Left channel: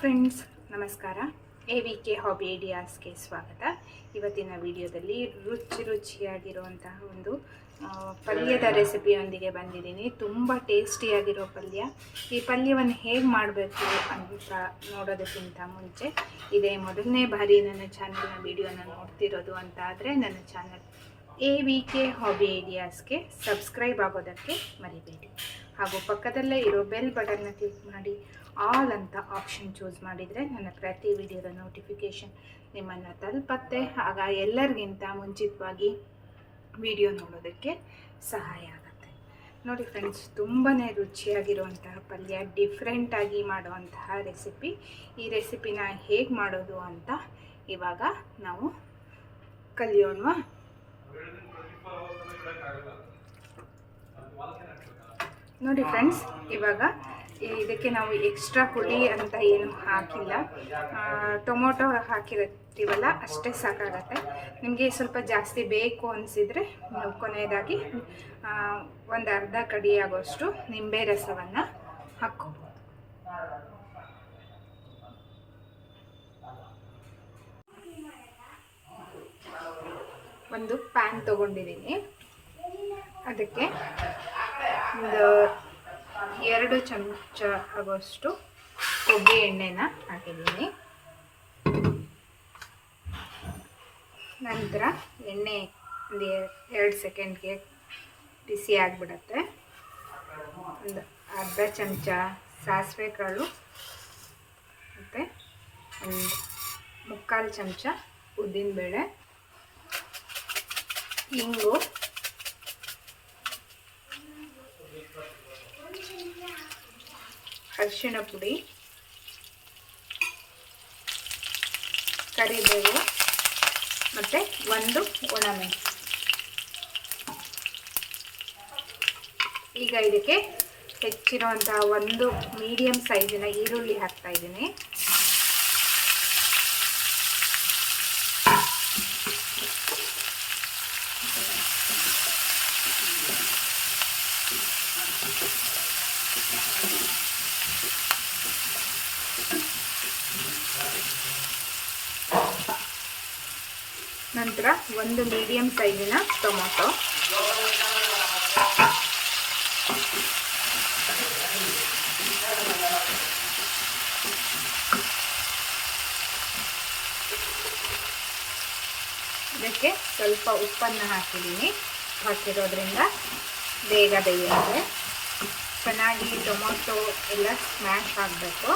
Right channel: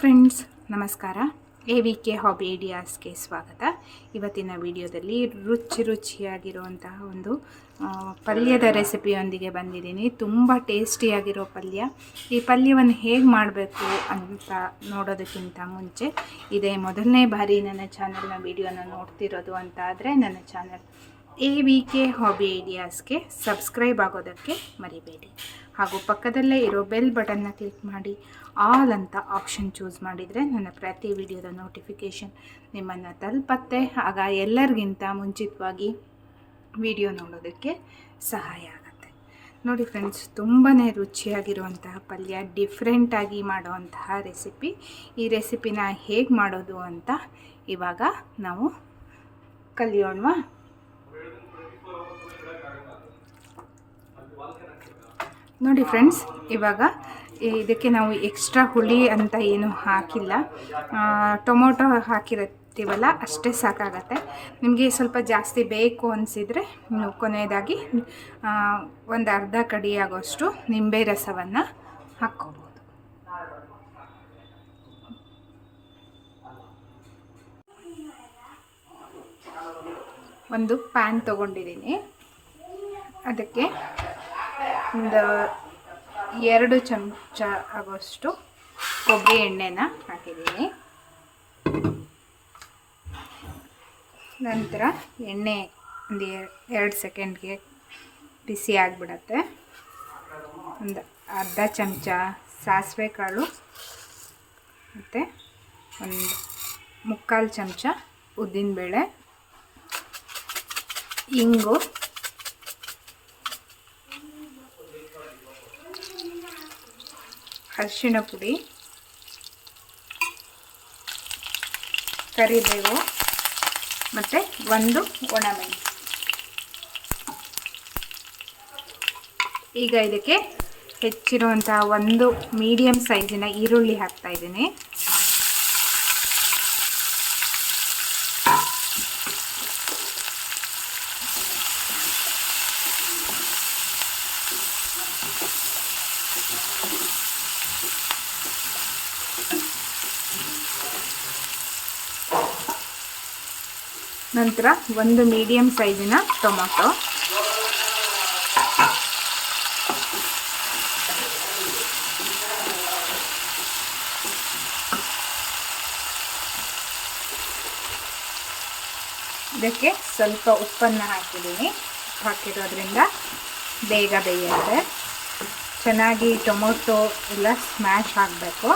Friends ನಮಸ್ಕಾರ. A V K hobby ಐಡಿಯಾಸ್ಗೆ ಸ್ವಾಗತ. ಇವತ್ತಿನ ವಿಡಿಯೋದಲ್ಲಿ ರುಚಿ ರುಚಿಯಾಗಿರುವಂತಹ ಒಂದು ಪಲ್ಯದ ರೆಸಿಪಿಯೊಂದಿಗೆ ಬಂದಿದ್ದೀನಿ. ತುಂಬ ಟೇಸ್ಟಿಯಾಗಿರೋ ಪಲ್ಯ. ಈ ಪಲ್ಯವನ್ನು ಹೇಗೆ ಮಾಡಬೇಕು ಅಂತ ನೋಡೋದಕ್ಕಿಂತ ಮುಂಚೆ, ಇದೇ ಮೊದಲನೇ ಬಾರಿ ನನ್ನ ಚಾನಲ್ನ ವಿಡಿಯೋನ ನೋಡ್ತಿರೋದು ಅಂತ ಆದರೆ ನನ್ನ channel A V K hobby ಐಡಿಯಾಸ್ಗೆ subscribe ಆಗೋದಕ್ಕೆ ಮರಿಬೇಡಿ. ಹಾಗೂ ಪಕ್ಕದಲ್ಲೇ ಇರೋ ಬೆಲ್ ಬಟನ್ನ ಕ್ಲಿಕ್ ಮಾಡಿ ಆಲ್ ಅಂತ ಆಪ್ಷನ್ ಚೂಸ್ ಮಾಡಿದರೆ ನನ್ನ ಪ್ರತಿ ವಿಡಿಯೋದ ನೋಟಿಫಿಕೇಷನ್ ನಿಮ್ಮನ್ನು ತಲುಪತ್ತೆ. ಆಗ ಎಲ್ಲರಿಗಿಂತ ಮುಂಚಿತವಾಗಿ ವಿಡಿಯೋ ನೋಡೋದಕ್ಕೆ ಸಹಾಯ ಆಗುತ್ತೆ. ನೋಡಿ ಫ್ರೆಂಡ್ಸ್ ತುಂಬಾ ರುಚಿಯಾಗಿರುವಂತಹ ಪಲ್ಯ ಡಿಫ್ರೆಂಟಾಗಿ ಮಾಡುವಂತಹ ರೆಸಿಪಿ ಈ ರೆಸಿಪಿನ ಹೇಗೆ ಮಾಡೋದು ಅಂತ ಇವಾಗ ನಾವು ಕಲಿಯೋಣವಾ? ನೋಡಿ ಫ್ರೆಂಡ್ಸ್, ಇವಾಗ ಇದಕ್ಕೆ ನಾವು ಎಕ್ಸ್ಟ್ರಾ ಹುಳಿ ಅಂತ ಏನು ಹಾಕಿಲ್ಲ. ಟೊಮೊಟೊ ಹಾಕಿರ್ತೀವಲ್ಲ ಅಷ್ಟೇ ಸಾಕಾಗತ್ತೆ. ನಿಮಗೆ ಸ್ವಲ್ಪ ಜಾಸ್ತಿ ಬೇಕು ಅನಿಸಿದರೆ ಕೊನೆಯದಾಗಿ ಒಂದು ಅರ್ಧ ಕಡಿಯಾಗೋಷ್ಟು ನಿಂಬೆ ರಸವನ್ನು ಹಾಕ್ಕೋಬೋದು. ಒಂದು ಪ್ಯಾನ್ ತೊಗೊಂಡಿದ್ದೀನಿ. ಅದಕ್ಕೆ ಒಂದು ಎರಡು ಚಮಚ ಆಗೋಷ್ಟು ಕೊಬ್ಬರಿ ಎಣ್ಣೆನ ಹಾಕಿದ್ದೀನಿ. ನಂತರ ಎಣ್ಣೆ ಒಂದು ಎರಡು ಸೆಕೆಂಡ್ಗೆ ಬಿಸಿ ಆಗಿಬಿಡತ್ತೆ. ಒಂದು ಅರ್ಧ ಚಮಚ ಸಾಸಿವೆ ಕಾಳು ಮತ್ತು ಒಂದು ಮುಕ್ಕಾಲು ಚಮಚ ಉದ್ದಿನಬೇಳೆ. ಇಂಗು. ಅರಿಶಿನ ಪುಡಿ. ಕರಿಬೇವು. ಮತ್ತು ಒಂದು ಒಣಮೆಣಸು ಈಗ ಇದಕ್ಕೆ ಹೆಚ್ಚಿರುವಂತಹ ಒಂದು ಮೀಡಿಯಮ್ ಸೈಜಿನ ಈರುಳ್ಳಿ ಹಾಕ್ತಾ ಇದ್ದೀನಿ. ನಂತರ ಒಂದು ಮೀಡಿಯಮ್ ಸೈಜಿನ ಟೊಮೊಟೊ. ಇದಕ್ಕೆ ಸ್ವಲ್ಪ ಉಪ್ಪನ್ನು ಹಾಕಿದ್ದೀನಿ. ಹಾಕಿರೋದ್ರಿಂದ ಬೇಗ ಬೇಯುತ್ತೆ. ಚೆನ್ನಾಗಿ ಟೊಮೊಟೊ ಎಲ್ಲ ಸ್ಮ್ಯಾಶ್ ಆಗಬೇಕು.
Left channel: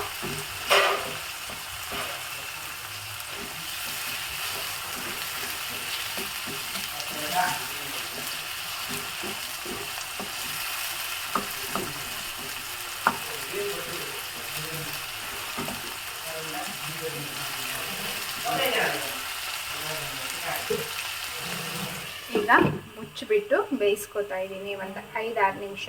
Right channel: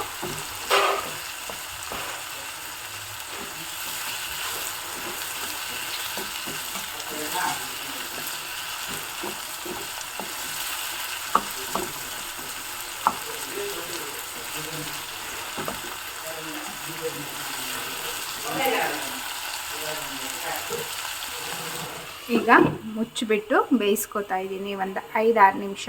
ಈಗ ಮುಚ್ಚಿಬಿಟ್ಟು ಬೇಯಿಸ್ಕೊತಾ ಇದ್ದೀನಿ ಒಂದು ಐದಾರು ನಿಮಿಷ.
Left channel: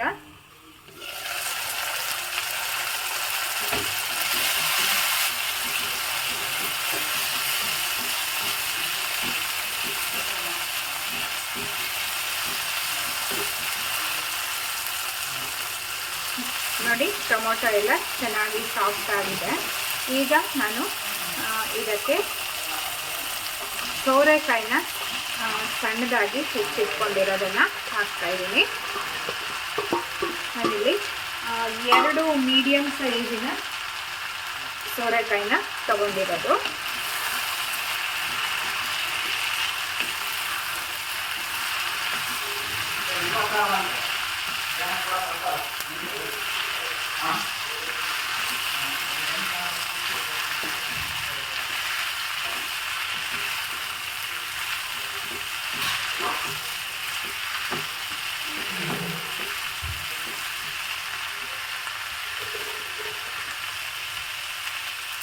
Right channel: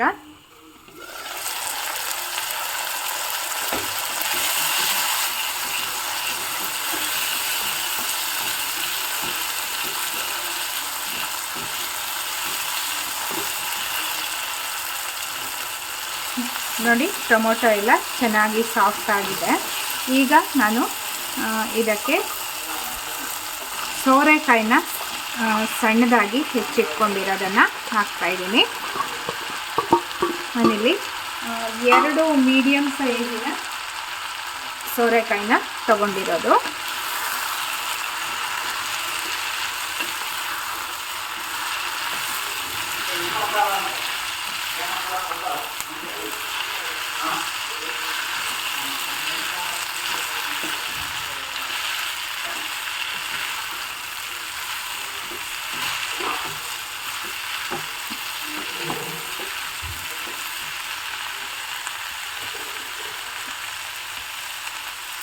ನೋಡಿ, ಟೊಮೊಟೊ ಎಲ್ಲ ಚೆನ್ನಾಗಿ ಸಾಫ್ಟ್ ಆಗಿದೆ. ಈಗ ನಾನು ಇದಕ್ಕೆ ಸೋರೆಕಾಯಿನ ಸಣ್ಣದಾಗಿ ಹೆಚ್ಚಿಟ್ಕೊಂಡಿರೋದನ್ನು ಹಾಕ್ತಾ ಇದ್ದೀನಿ. ಆ, ಎರಡು ಮೀಡಿಯಮ್ ಸೈಜಿನ ಸೋರೆಕಾಯಿನ ತಗೊಂಡಿರೋದು.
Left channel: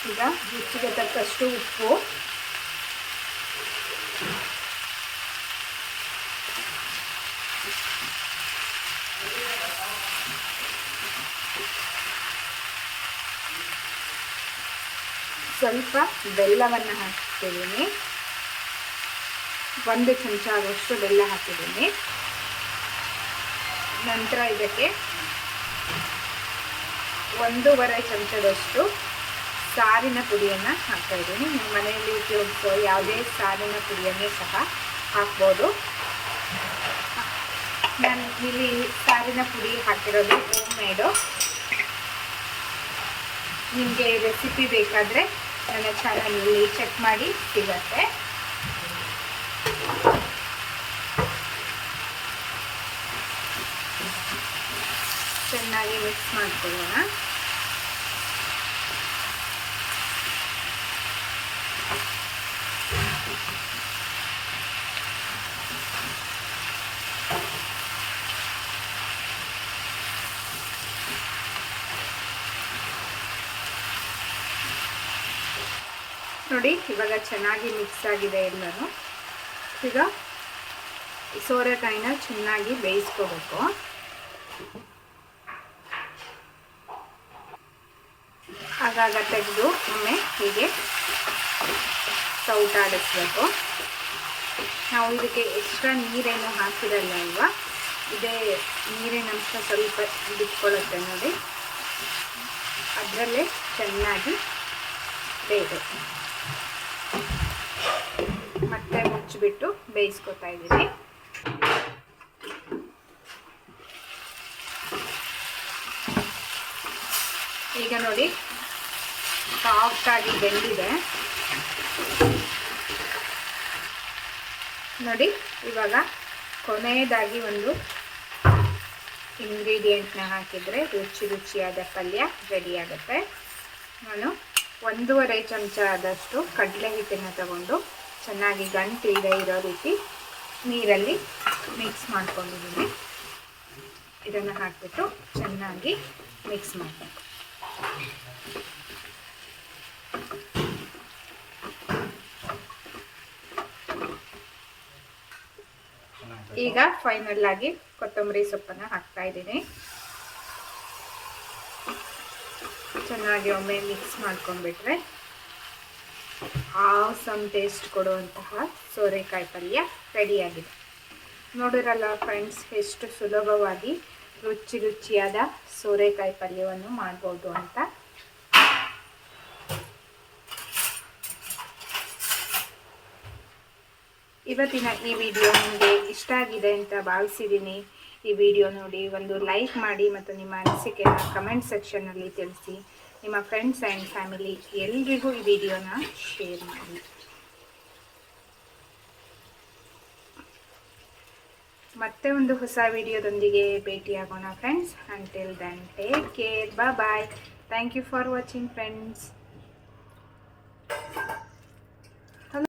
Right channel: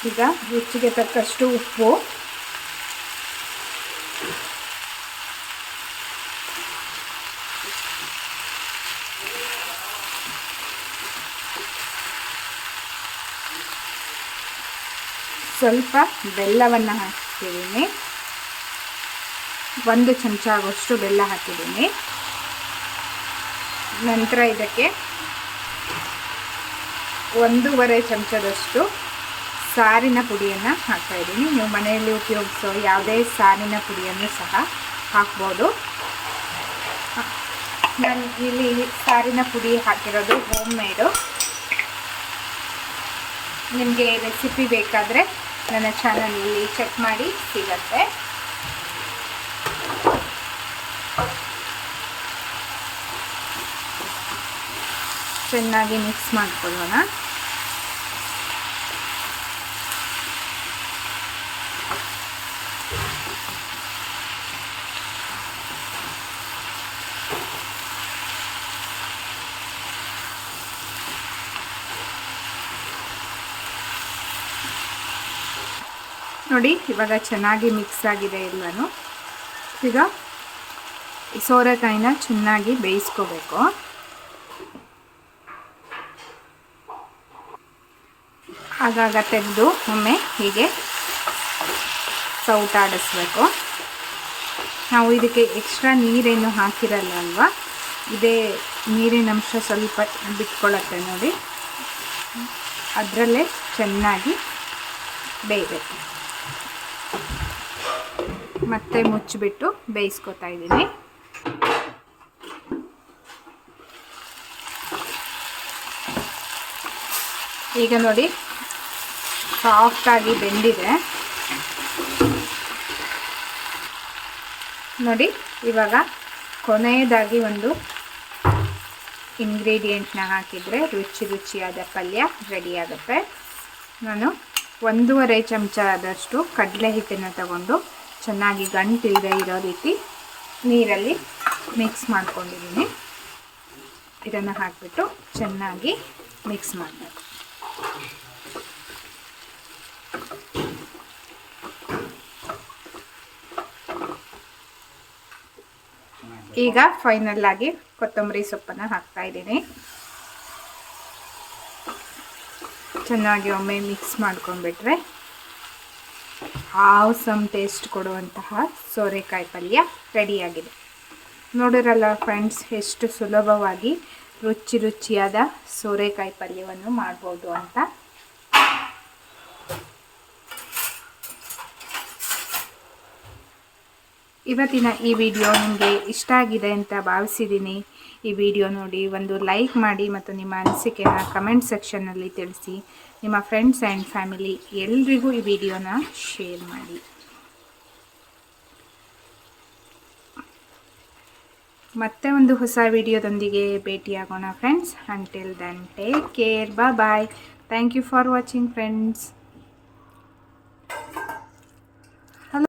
ಈಗ ರುಚಿಗೆ ತಕ್ಕಷ್ಟು ಉಪ್ಪು. ಸ್ವಲ್ಪ ಬೆಲ್ಲವನ್ನು ಹಾಕ್ತಿದ್ದೀನಿ. ಒಂದು ಚಮಚ ಆಗುವಷ್ಟು ಬೆಲ್ಲ ಹಾಕಿದ್ದೀನಿ. ನಂತರ ಇದಕ್ಕೆ ಒಂದೂವರೆ ಚಮಚದಷ್ಟು ಸಾರಿನ ಪುಡಿಯನ್ನು ಹಾಕ್ತಾಯಿದ್ದೀನಿ ನೀವು ಮನೆಯಲ್ಲಿ ಉಪಯೋಗಿಸೋ ಯಾವುದೇ ಸಾರಿನ ಪುಡಿಯನ್ನು ಸಹ ಹಾಕ್ಬೋದು. ನಾನು ಇಲ್ಲಿ ಸಾರಿನ ಪುಡಿ ಹಾಕಿರೋದು ಹೋಮ್ ಮೇಡು ನಿಮಗೆ ರೆಸಿಪಿ ಬೇಕಾದರೆ ನನ್ನ ಚಾನಲಲ್ಲಿ ಚೆಕ್ ಮಾಡಿ ಸಿಗತ್ತೆ. ಚೆನ್ನಾಗಿ ಮಿಕ್ಸ್ ಮಾಡ್ಕೊಳ್ಳೋಣ. ನೋಡಿ, ಇವಾಗ ಚೆನ್ನಾಗಿ ಮಿಕ್ಸ್ ಆಗಿದೆ ಎಲ್ಲನೂ. ಈಗ ಈ ಸೋರೆಕಾಯಿನ ಚೆನ್ನಾಗಿ ಬೇಯಿಸ್ಕೋಬೇಕು. ಆಗಾಗ ತೆಗೆದು ಒಮ್ಮೆ ಹೀಗೆ ಸೌಟಾಡಿಸ್ಬೇಕು ನಾವು ಇದಕ್ಕೆ ಎಕ್ಸ್ಟ್ರಾ ನೀರೇನು ಹಾಕಿರಲ್ಲ ಅಲ್ವಾ? ಇದೇ ನೀರಿನ ಅಂಶ ಸ್ವಲ್ಪ ಬಿಟ್ಕೊಳ್ಳುತ್ತೆ ನೋಡಿ. ಅದರಲ್ಲೇ ಚೆನ್ನಾಗಿ ಬೇಯಬೇಕು. ಮತ್ತೆ ಮುಚ್ಚಿಬಿಟ್ಟು ಬೇಯಿಸ್ಕೊತಾ ಇದ್ದೀನಿ. ಈಗ ನೋಡಿ ಸಾಫ್ಟಾಗಿ ಬೆಂದಿದೆ. ನೋಡಿ, ಇವಾಗ ಕೊನೆಯದಾಗಿ ಒಂದು ಇಂಗ್ರೀಡಿಯೆಂಟ್ನ ಹಾಕಿದರೆ ರುಚಿ ರುಚಿಯಾದ ಪಲ್ಯ ರೆಡಿ ಆಗುತ್ತೆ. ನಾನು ಒಂದೂವರೆ ಚಮಚ ಆದಷ್ಟು ಕಡಲೆ ಹಿಟ್ಟನ್ನು ತಗೊಂಡು ಚೆನ್ನಾಗಿ ಗಂಟು ಇದೆ ಇರೋ ರೀತಿ ನೀರಲ್ಲಿ ಮಿಕ್ಸ್ ಮಾಡ್ಕೊಂಡಿದ್ದೀನಿ. ಇದನ್ನು ಹಾಕಿಬಿಟ್ಟು ಚೆನ್ನಾಗಿ ಮಿಕ್ಸ್ ಮಾಡಬೇಕು. ಈಗ ಫೈನಲ್ ಆಗಿ ಕೊತ್ತಂಬರಿ ಸೊಪ್ಪನ್ನು ಹಾಕ್ತಾ ಇದ್ದೀನಿ. ಚೆನ್ನಾಗಿ ಒಮ್ಮೆ ಮಿಕ್ಸ್ ಮಾಡ್ಕೊಂಡ್ಬಿಟ್ರೆ ಆಸಮ್ ಟೇಸ್ಟ್ ಕೊಡುವಂತಹ ಸೋರೆಕಾಯಿ ಪಲ್ಯ ರೆಡಿಯಾಗಿದೆ. ನೋಡಿರಲ್ಲ ಫ್ರೆಂಡ್ಸ್ ಎಷ್ಟು ಸುಲಭವಾಗಿ ರುಚಿ ರುಚಿಯಾದ ಸೋರೆಕಾಯಿ ಪಲ್ಯವನ್ನು ಮಾಡ್ಬೋದು ಅಂತ. ಇವತ್ತಿನ ಈ ವಿಡಿಯೋ ನಿಮಗೆ ಇಷ್ಟ ಆಗಿದೆ ಅಂತ ಭಾವಿಸಿದ್ದೀನಿ. ಈ ವಿಡಿಯೋ ನೋಡಿ ಒಂದು ಲೈಕ್ ಮಾಡಿ ಮತ್ತು ನಿಮ್ಮ ಅನಿಸಿಕೆನ ಕಮೆಂಟ್ ಸೆಕ್ಷನ್ನಲ್ಲಿ ತಿಳಿಸಿ. ನಿಮ್ಮ ಫ್ರೆಂಡ್ಸ್ ಆ್ಯಂಡ್ ಫ್ಯಾಮಿಲಿ ಎಲ್ರಿಗೂ ಈ ವಿಡಿಯೋನ ಶೇರ್ ಮಾಡಿ. ಮತ್ತೆ ಒಂದು ಹೊಸ ವಿಡಿಯೋದೊಂದಿಗೆ ಭೇಟಿಯಾಗೋಣ friends until then take care bye bye thank you for watching friends